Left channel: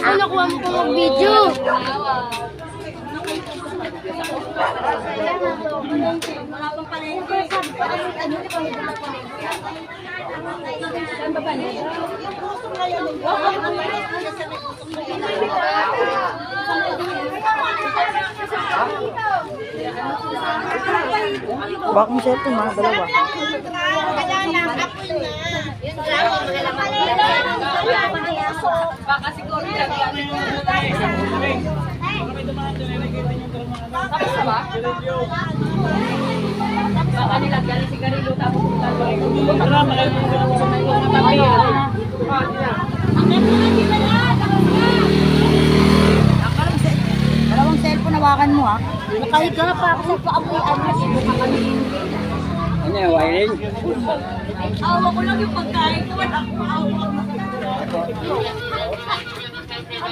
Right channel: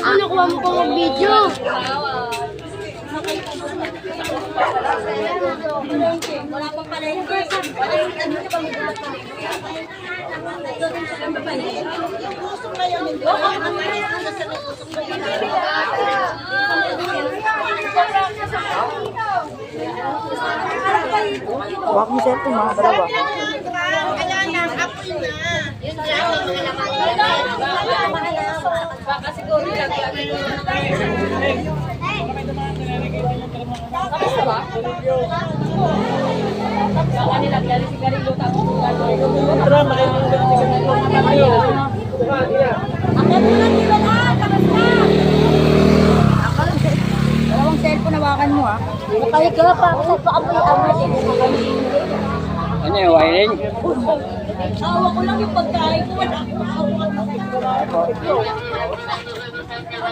Ano nakuha mo pang mag-video? Wala pang palengke. Baka mo siya ito mga dalawa. Baka siguro lang yan. Tapos na ba? Tapos na kanila gali si Garilo tapos Dalawang cellphone hawakan mo ha. nakahiga pa ako sa paamoy-amoy. Ano yung wiring? Awa ko lang yung pagkain ko. Wala akong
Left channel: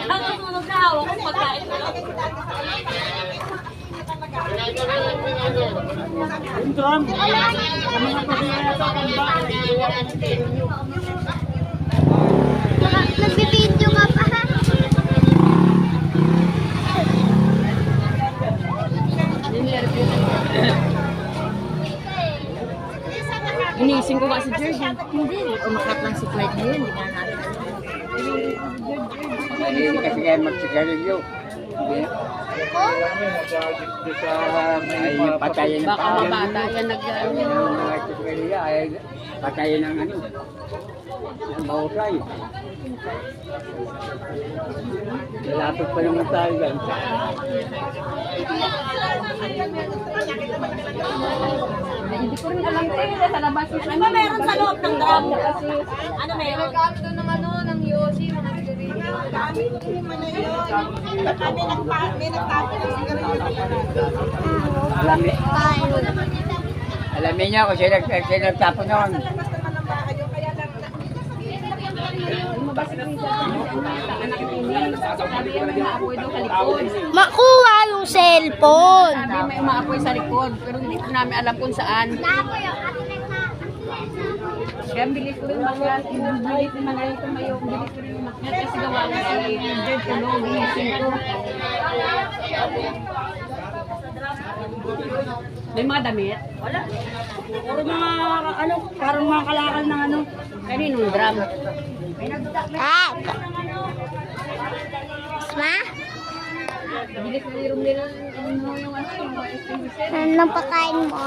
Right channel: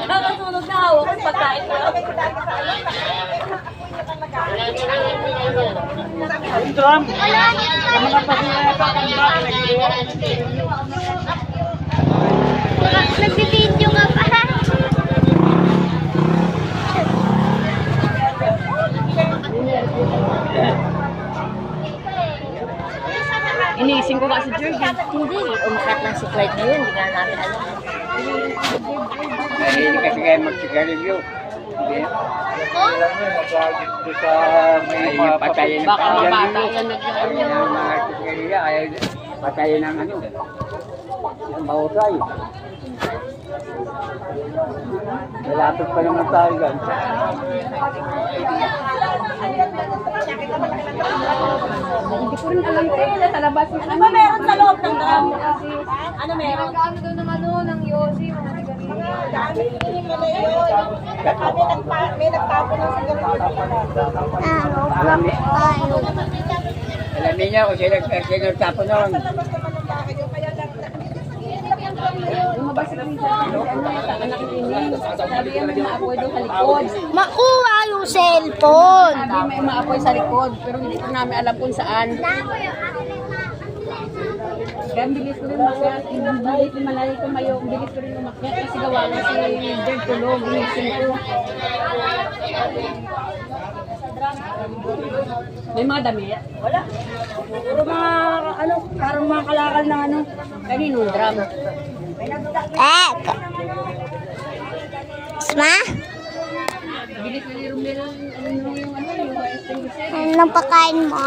nakatulog na ako yung pagkain ko. Nagbibideo nga pa. Iniising ko nga si George. Hindi. Umakat lang si Clyde na yun. Hindi na natin alam. Hindi kasi kayo magsigarilyo. Hindi. Ay, patayin ng Baka pamilya. mabata yan nag-ano. Ang mga sigarilya ay patayin ng ano. Ang mahusay. Malapit pa naman tayo dyan. Ano meron sa loob ng drum? Ano meron? Nag-ano doon ng ano, ng Yossi, mga sigarilyo. May nagtapo ng sigarilyo. Alamin niyo kung sino nagtapo noon. Makuha yung cellphone. Sabi may umaapoy sa likod, pero hindi ko namin alam kung saan. Kaya ang bilis rin mga, ang bilis rin mga ito mayo, ang bilis rin yung makna, kasi gawa na si Jed Tulog, ginising ko. May mga damit? Wala. Puro mga, ano, parang mga kalakal na ano. Kaninong drum? Isma? Bilis na yung nila, yung ano, yung extinguisher. Anong pakain mo?